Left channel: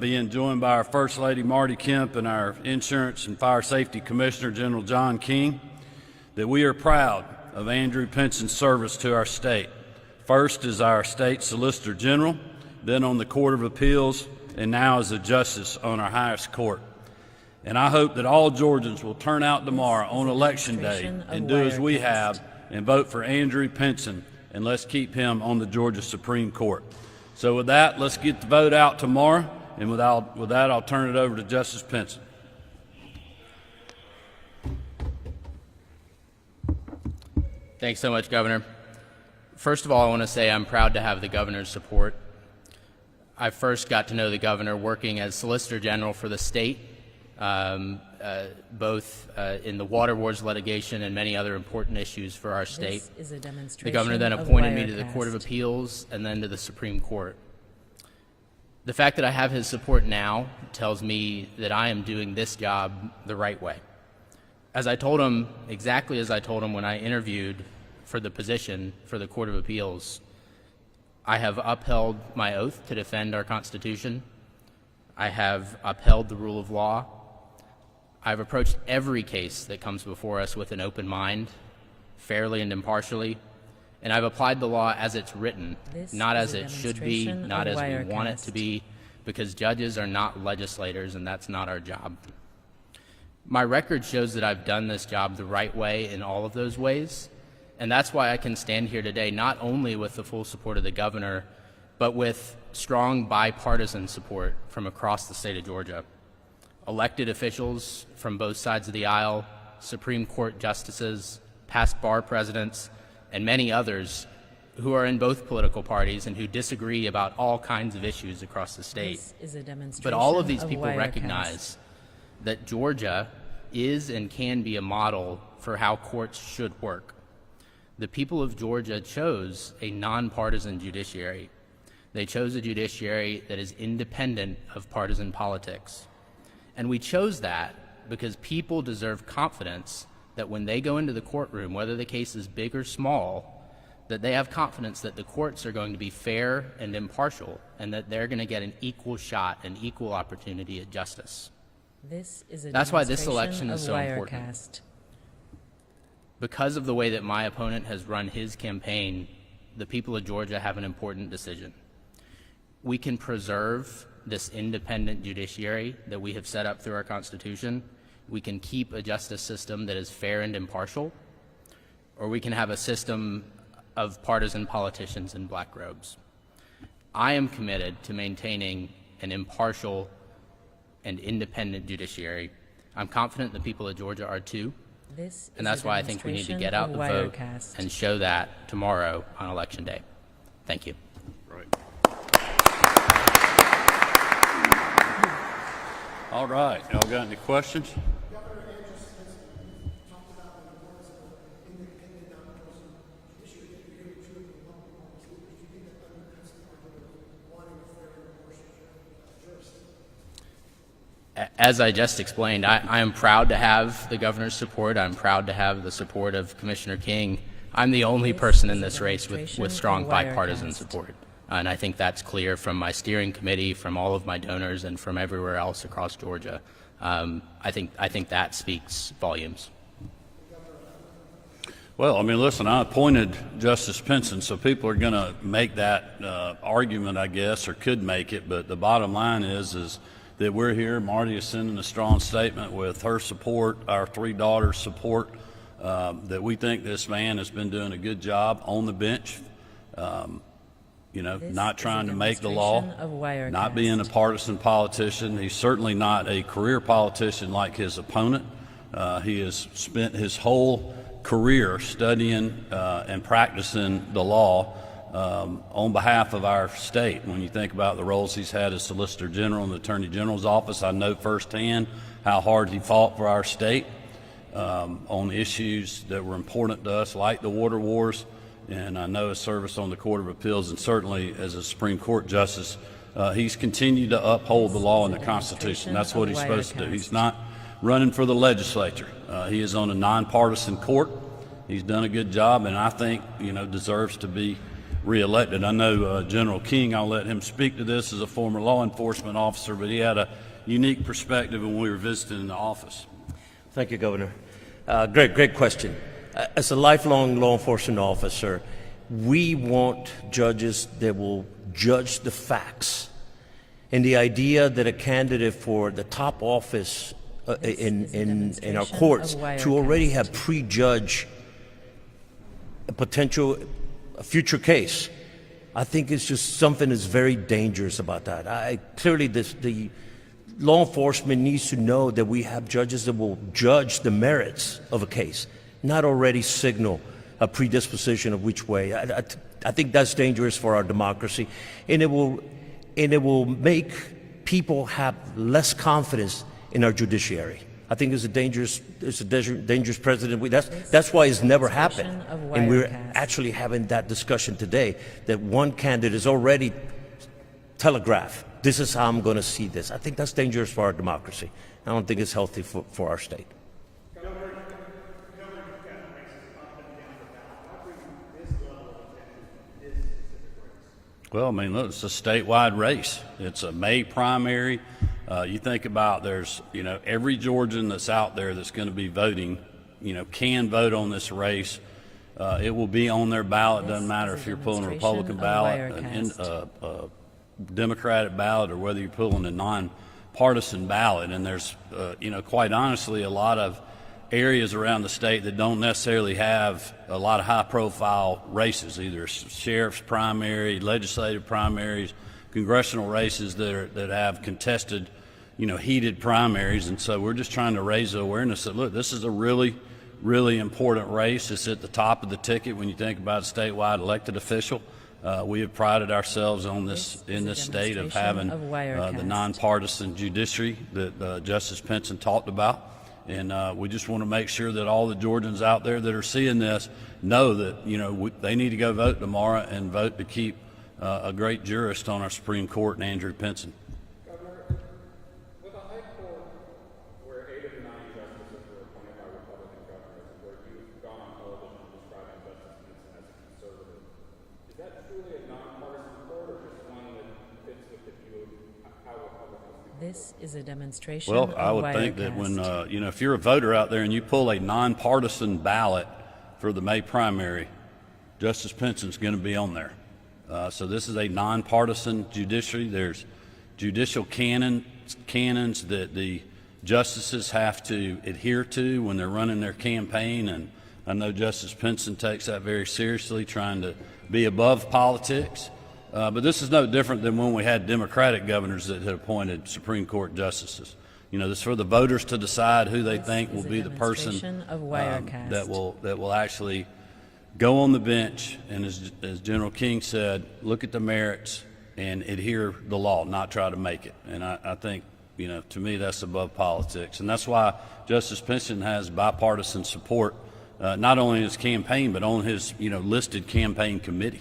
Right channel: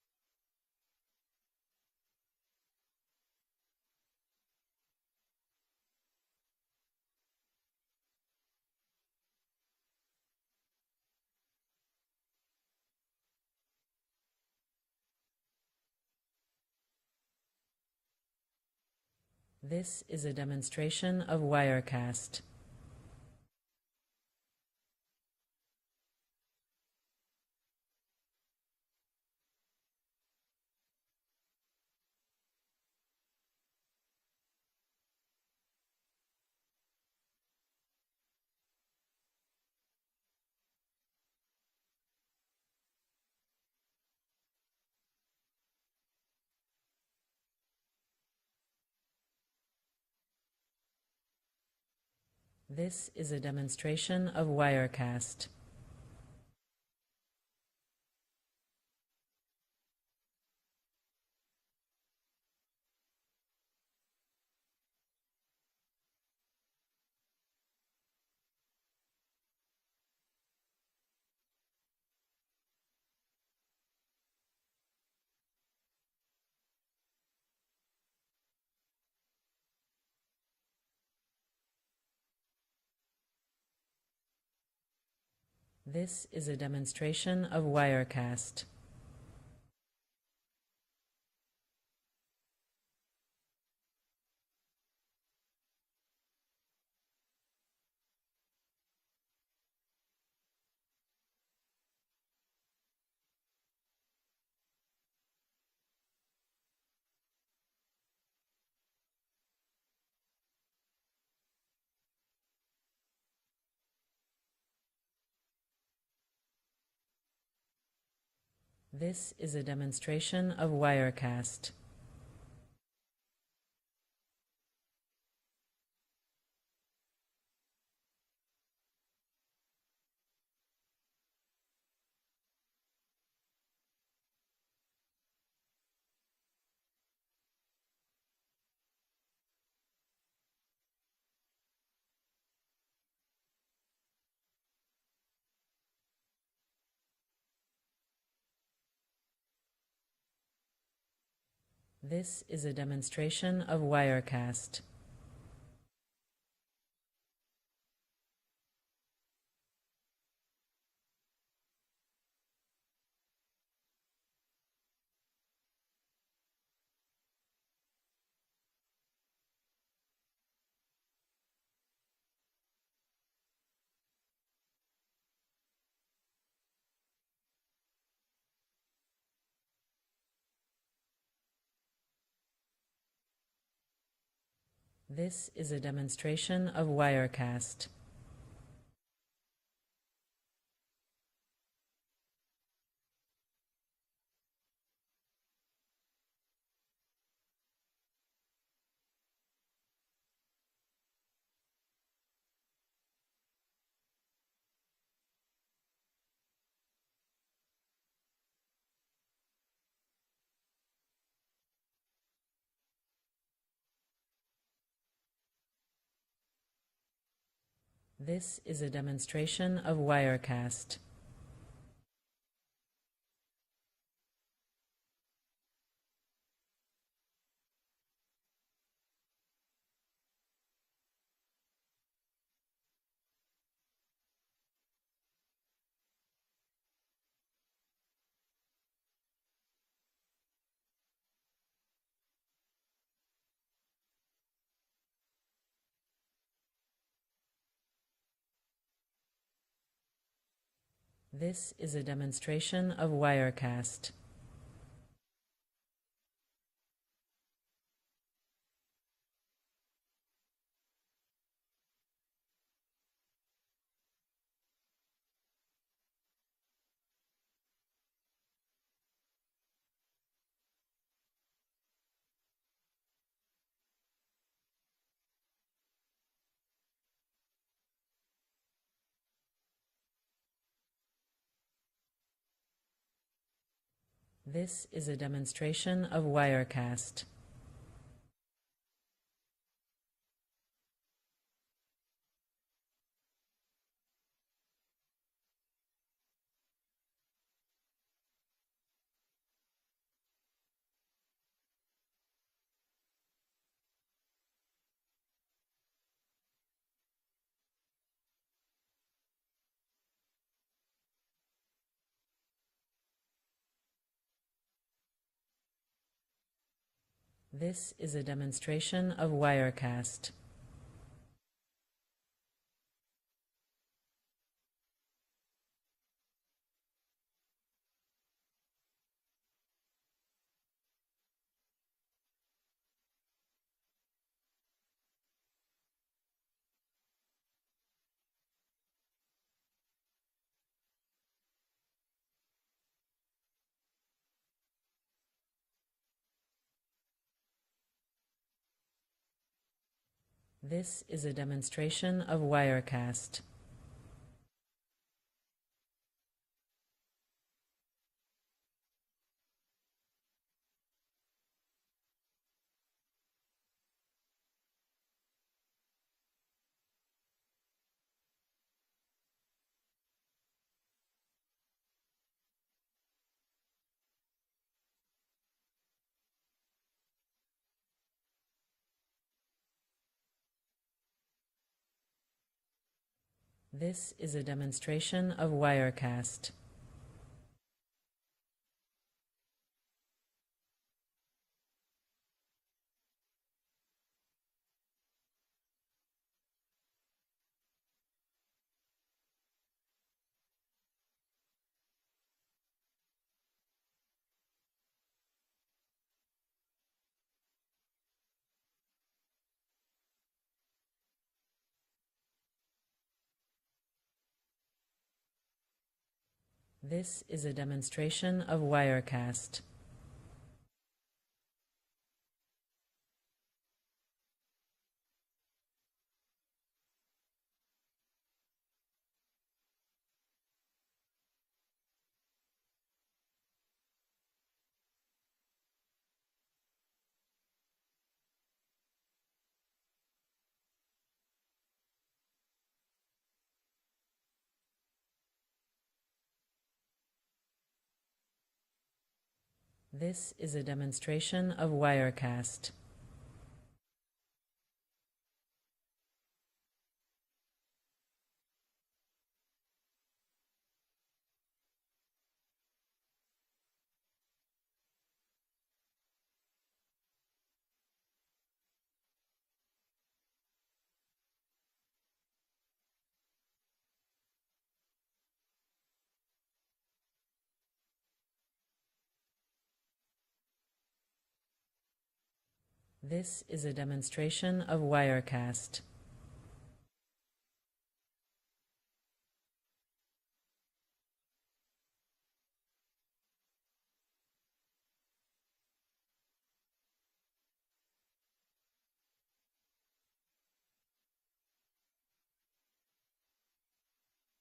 being joined by our First Lady Marty Kemp and our Insurance and Fire Safety Commissioner General John King, that we are proud of Andrew Pinson's service to our state. First as our state Solicitor General, then on the Court of Appeals, and now as a justice on our highest court. And I hope that all Georgians will turn out tomorrow on Election Day and do as we have and vote for Andrew Pinson, and let's keep him on the Georgia Supreme Court. So with that, let's get the vote out tomorrow, and with that, I'll turn it over to Justice Pinson. Thanks so much, Governor. First of all, I want to say I'm proud to have the governor's support. I first got to know the governor working as Solicitor General for the state, both in the water wars litigation and many other important issues for our state. This is a demonstration the governor then of appointed me to the Wirecast. Court of Appeals and then to the Supreme Court. The fact that I have his support now tells me that I am doing this job the right way. As I told him, exactly as I told him when I interviewed for the position for the Court of Appeals, I have upheld my oath to defend our Constitution. I have upheld the rule of law. I've approached every case that comes before us with an open mind, fairly and impartially, and I've applied the law as it's written, not as it should be, not as we want it to be, because judges are not legislators, and that's not our job. My record shows that I've done this job the right way in all of those ways, and that's why I can stand here today not only with the full support of the governor, but with strong bipartisan support from across the state of Georgia. Elected officials from both sides of the aisle, Supreme Court justices, past bar presidents, and many others who are in both political parties and who disagree about all kinds of issues across the state. This is a demonstration But all of these people Wirecast. recognize that Georgia is and can be a model for how courts should work. The people of Georgia chose a nonpartisan judiciary. They chose a judiciary that is independent of partisan politics. And we chose that because people deserve confidence that when they go into the courtroom, whether the case is big or small, that they have confidence that the courts are going to be fair and impartial, and that they're going to get an equal shot, an equal opportunity at justice. This is a That's why this demonstration election of is so Wirecast. important. Because of the way that my opponent has run his campaign, the people of Georgia have an important decision. We can preserve this independent judiciary that we have set up through our Constitution. We can keep a justice system that is fair and impartial, or we can have a system of partisan politicians in black robes. I am committed to maintaining an impartial and independent judiciary. I'm confident the people of Georgia are too. This And is that's a why I think we need to demonstration get out of the vote Wirecast. and show that tomorrow on Election Day. Thank you. All right, y'all got any questions? As I just explained, I am proud to have the governor's support. I'm proud to have the support of Commissioner King. I'm the only This person in is a this race demonstration with strong of bipartisan Wirecast. support. And I think that's clear from my steering committee, from all of my donors, and from everywhere else across Georgia. I think that speaks volumes. Well, I mean, listen, I appointed Justice Pinson, so people are going to make that argument, I guess, or could make it. But the bottom line is that we're here. Marty is sending a strong statement with her support, our three daughters' support, that we think this man has been doing a good job on the bench. This Not is trying a to make the law, demonstration of Wirecast. not being a partisan politician. He's certainly not a career politician like his opponent. He has spent his whole career studying and practicing the law on behalf of our state. When you think about the roles he's had as Solicitor General in the Attorney General's office, I know firsthand how hard he fought for our state on issues that were important to us, like the water wars. And I know his service on the Court of Appeals, and certainly as a Supreme Court justice, he's continued to uphold the law and the Constitution. That's what he's supposed to do. He's not running for the legislature. He is on a nonpartisan court. He's done a good job, and I think deserves to be reelected. I know General King, I'll let him speak to this as a former law enforcement officer, but he had a unique perspective when we were visiting the office. Thank you, Governor. Great question. As a lifelong law enforcement officer, we want judges that will judge the facts. And the idea that a candidate for the top office in our courts to already have prejudged a future case, I think it's just something that's very dangerous about that. Clearly, the law enforcement needs to know that we have judges that will judge the merits of a case, not already signal a predisposition of which way. I think that's dangerous for our democracy, and it will make people have less confidence in our judiciary. I think it's a dangerous precedent. That's why it's never happened. And we're actually having that discussion today, that one candidate is already telegraphed, this is how I'm going to see this. I think that's dangerous for our democracy. I don't think it's healthy for our state. Well, I mean, look, it's a statewide race. It's a May primary. You think about every Georgian that's out there that's going to be voting, can vote on this race. It will be on their ballot. Doesn't matter if you're pulling a Republican ballot, a Democratic ballot, or whether you're pulling a nonpartisan ballot. And there's, quite honestly, a lot of areas around the state that don't necessarily have a lot of high-profile races, either sheriff's primary, legislative primaries, congressional races that have contested, heated primaries. And so we're just trying to raise the awareness that, look, this is a really, really important race. It's at the top of the ticket when you think about a statewide elected official. We have prided ourselves on this in this state of having the nonpartisan judiciary that Justice Pinson talked about. And we just want to make sure that all the Georgians out there that are seeing this know that, they need to go vote tomorrow and vote to keep a great jurist on our Supreme Court, Andrew Pinson. Governor, with a high court where 8 of the 9 justices were appointed by Republican governors, and where you've gone on television describing Justice Pinson as a conservative, is that truly a nonpartisan court, or just one that fits with the view of how Republicans? This is a demonstration Well, of I would Wirecast. think that when, if you're a voter out there and you pull a nonpartisan ballot for the May primary, Justice Pinson's going to be on there. So this is a nonpartisan judiciary. There's judicial canons that the justices have to adhere to when they're running their campaign, and I know Justice Pinson takes that very seriously, trying to be above politics. But this is no different than when we had Democratic governors that had appointed Supreme Court justices. This is for the voters to decide who they think will be the person that will actually go on the bench and, as General King said, look at the merits and adhere the law, not try to make it. And I think, to me, that's above politics. And that's why Justice Pinson has bipartisan support, not only in his campaign, but on his, listed campaign committee.